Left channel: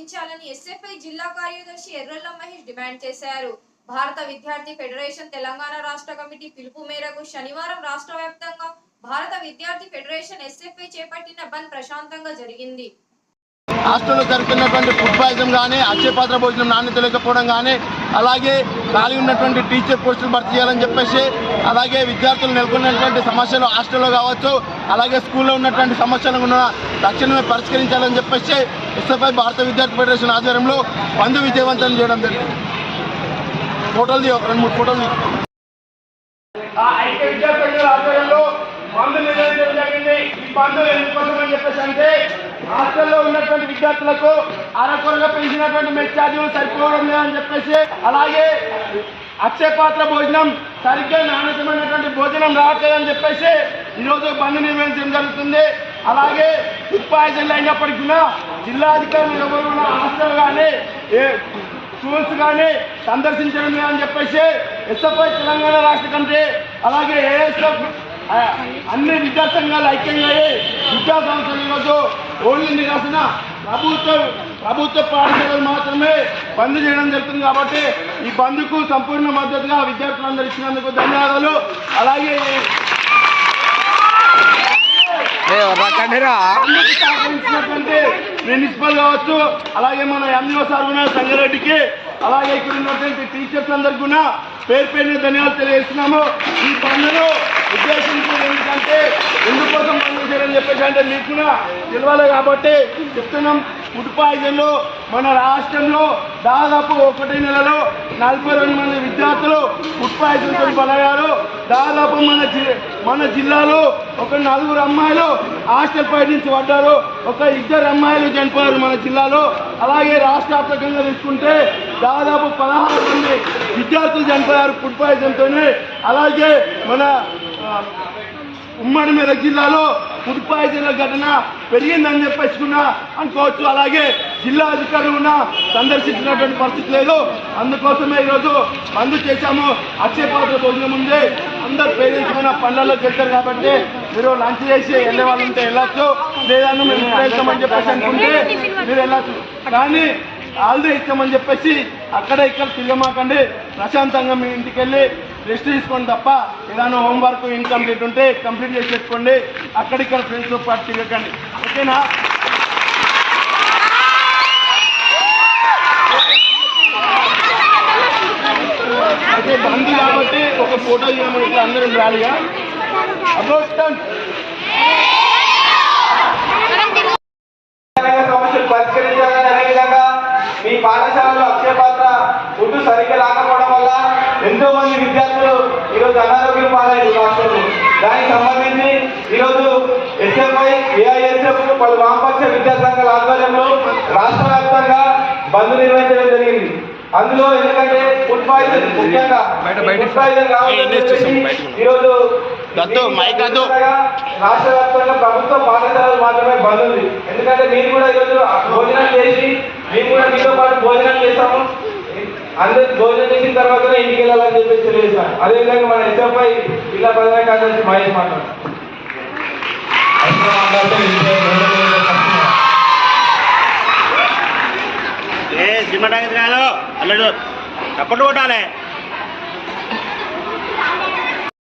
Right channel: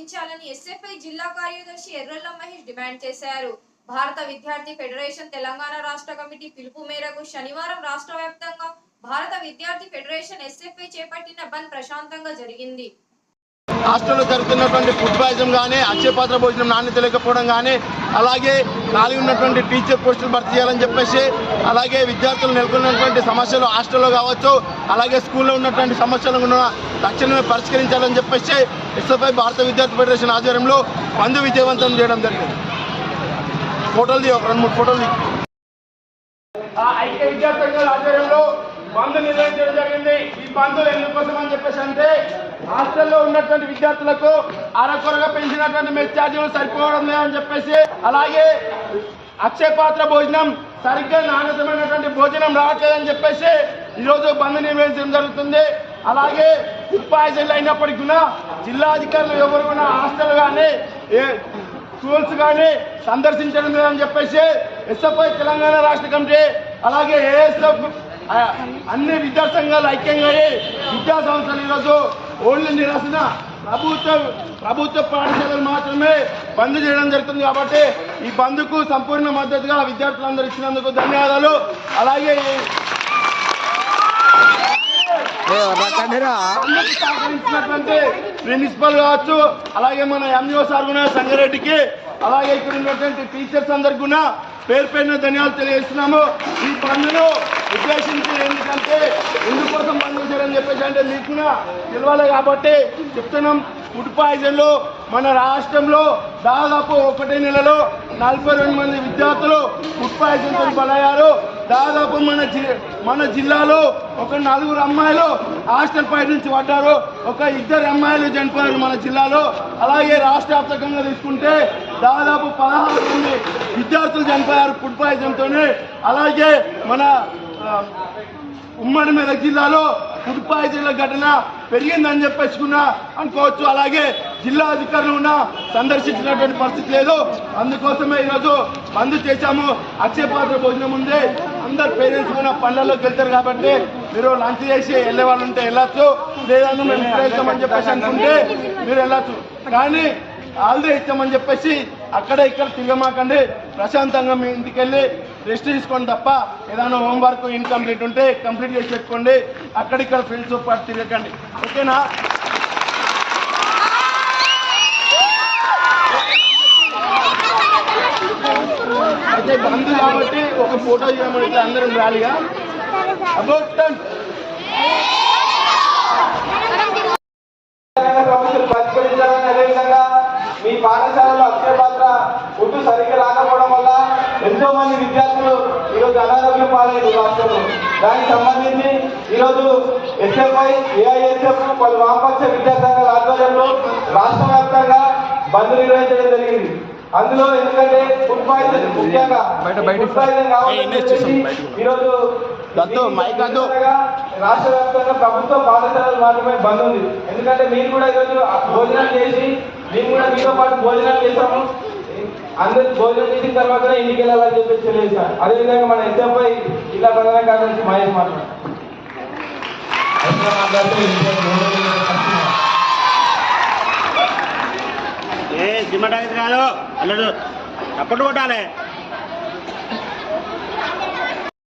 అందించాలని ఎస్ఎఫ్ఐ జిల్లా కార్యదర్శి ఎర్రల్ల మహేష్ డిమాండ్ చేశారు. భారత విద్యార్థి ఫెడరేషన్ తెలంగాణ రాష్ట్ర కమిటీ పిలుపు మేరకు శనివారం రాష్ట్ర వ్యాప్తంగా భారత విద్యార్థి ఫెడరేషన్ ఎస్ఎఫ్ఐ చేపట్టిన బంద్ ప్రశాంతంగా జరిగింది. హాస్టల్లో జరుగుతున్నటువంటి ఫుడ్ పాయిజన్ కానీ, అక్షయపాత్ర భోజనం నాణ్యత లేకపోవడం కానీ, అలాగే ఖాళీ ఉన్నటువంటి టీచర్ పోస్టులు భర్తీ చేయాలని చెప్పేసి, అలాగే విద్యార్థులు నెలకొన్నటువంటి సమస్యలు హాస్టల్లో కావచ్చు, అలాగే స్కూల్లో ఉన్నటువంటి సమస్యలను కూడా తక్షణమే పరిష్కరించాలని చెప్పేసి ఎస్ఎఫ్ఐ భారత విద్యార్థి ఫెడరేషన్ ఆధ్వర్యంలో బంద్ విజయవంతం చేయడం జరిగింది. ఫోటోలు ఒక 2-3 ఫోటోలు ఐక్య విద్యార్థి సంఘాల ఆధ్వర్యంలో బంద్ నిర్వహించడం జరిగింది. ఈ బంధులు ఎందుకోసం అని చెప్పేసి అంటే హాస్టల్లో ఉన్నటువంటి విద్యార్థులకు అరకొరగా పెంచినటువంటి మెస్ ఛార్జీలు సరిపోవడం లేదని చెప్పేసి, అలాగే అక్షయపాత్ర భోజనం సరిగ్గా నాణ్యతమైనటువంటి భోజనం రావట్లేదని చెప్పేసి ఈరోజు బంద్ నిర్వహించడం జరుగుతుంది. అలాగే ఫుడ్ పాయిజన్లు అయినప్పటికీ కూడా జిల్లా అధికారులు ఎవరు కూడా హాస్టల్ కానీ స్కూల్స్ కానీ సందర్శించడం లేదని చెప్పేసి ఎస్ఎఫ్ఐ తెలంగాణ రాష్ట్ర కమిటీ అలాగే ఏఎస్ఎఫ్ అన్ని విద్యా సంఘాలు ఐక్యంగా విద్యా సంస్థలు ఈరోజు ఓన్లీ నిరసన ప్రభుత్వ పాఠశాలలు మాత్రమే బంద్ చేయడం జరుగుతుంది. కాబట్టి ఈ బంద్కు సంపూర్ణ మద్దతుగా విద్యార్థులందరూ ఇచ్చినందుకు ధన్యవాదాలు. అలాగే సహకరించినటువంటి ప్రిన్సిపల్ కావచ్చు, అలాగే మన ఎంఈఓ సార్ కూడా సంగారెడ్డికి, అలాగే ఇక్కడ ఉన్నటువంటి టీచర్స్ అందరికి కూడా పేరు పేరున ధన్యవాదాలు తెలియజేస్తున్నాము. ఈ బంద్ను ఉద్దేశించేది ఎందుకోసం చేయని చెప్పేసి అంటే మీకు కూడా తెలియాలి కాబట్టి చెప్తున్నాం. ఫుడ్ పాయిజన్లో మన రాష్ట్రంలో దాదాపు 1 నెలలో 42 మంది విద్యార్థులు ఫుడ్ పాయిజన్తో బలయ్యారు. దాదాపు మన జిల్లాలో ఒక 4 అమ్మాయిలు హాస్టల్ పై నుంచి పడ్డారు, ఒక 2 అమ్మాయిలు చనిపోయారు మన జిల్లాలో. అలాగే రాష్ట్ర వ్యాప్తంగా తీసుకుంటే దాదాపు 16 మంది విద్యార్థులు చనిపోయారు ఫుడ్ పాయిజన్తోనే. అలాగే మన ఉమ్మడి మెదక్ జిల్లాలో ఫుడ్ పాయిజన్ల ఘటన పెరిగిందని చెప్పేసుకున్నా అనుకోవచ్చు. అలాగే జిల్లా అధికారులు కూడా సందర్శించినటువంటి పరిస్థితి లేదు. అందుకోసమే ఈరోజు బంద్ చేశాము. అక్షయపాత్ర భోజనం ఉంది, అందరు పేరెంట్స్ కూడా పనులలోకి వెళ్తారు కాబట్టి మీరు లంచ్ చేసి వెళ్ళే వాళ్ళు ఉంటే వెళ్ళచ్చు, లేదన్నా మేము ఇస్తామని చెప్పేసి అనుకుంటే మీరు వెళ్ళచ్చు. కానీ హాలిడే ఇస్తామని చెప్పేసి అక్కడ ఇక్కడ తిరగమాకండి, ప్రశాంతంగా మీ ఇంటికి వెళ్ళి రెస్ట్ తీసుకోండి తప్ప ఏదైనా హోంవర్క్ ఇన్కంప్లీట్ ఉంటే కంప్లీట్ చేసి పెట్టుకోండి. అక్కడిక్కడ ఫ్రెండ్స్తో పాటు తిరగకండి, ఓకేనా? అయితే బంద్ కాబట్టి ఒక ఫోటో చేయమంటే అందరం రాలిగా అబౌట్ మీ పాఠశాలలో అక్షయపాత్ర ఫుడ్ సరిగ్గా రాకపోవడం వల్ల ఎంతో మంది విద్యార్థులు ఈరోజు అనారోగ్యం పాలయ్యారు రాష్ట్రంలో. దానికి సంబంధించి ఈరోజు ఎస్ఎఫ్ఐ ఏఐఎస్ఎఫ్ పలు వామపక్ష విద్యా సంఘాల ఆధ్వర్యంలో రాష్ట్ర వ్యాప్తంగా బంద్ నిర్వహించడం జరిగింది. అందులో ఎందుకంటే ఫుడ్ పాయిజన్ ముఖ్యంగా ఫుడ్ పాయిజన్ కావాలని ఈరోజు రాష్ట్ర వ్యాప్తంగా ప్రభుత్వ పాఠశాలలు మాత్రమే బంద్ ఉంది. ఎందుకంటే మీరు కూడా ఈరోజు భోజనం చేసి మేము కూడా మీతో పాటు భోజనం చేస్తాము, అందరికి భోజనం చేసిన తర్వాత ఇంటికి వెళ్ళాలని చెప్పేసి తెలియజేస్తాను. అదేవిధంగా మన ఎస్ఎఫ్ఐ జిల్లా ప్రధాన కార్యదర్శి మహేష్ మాట్లాడు. అల్లడు అప్పటి కొట్టాలి.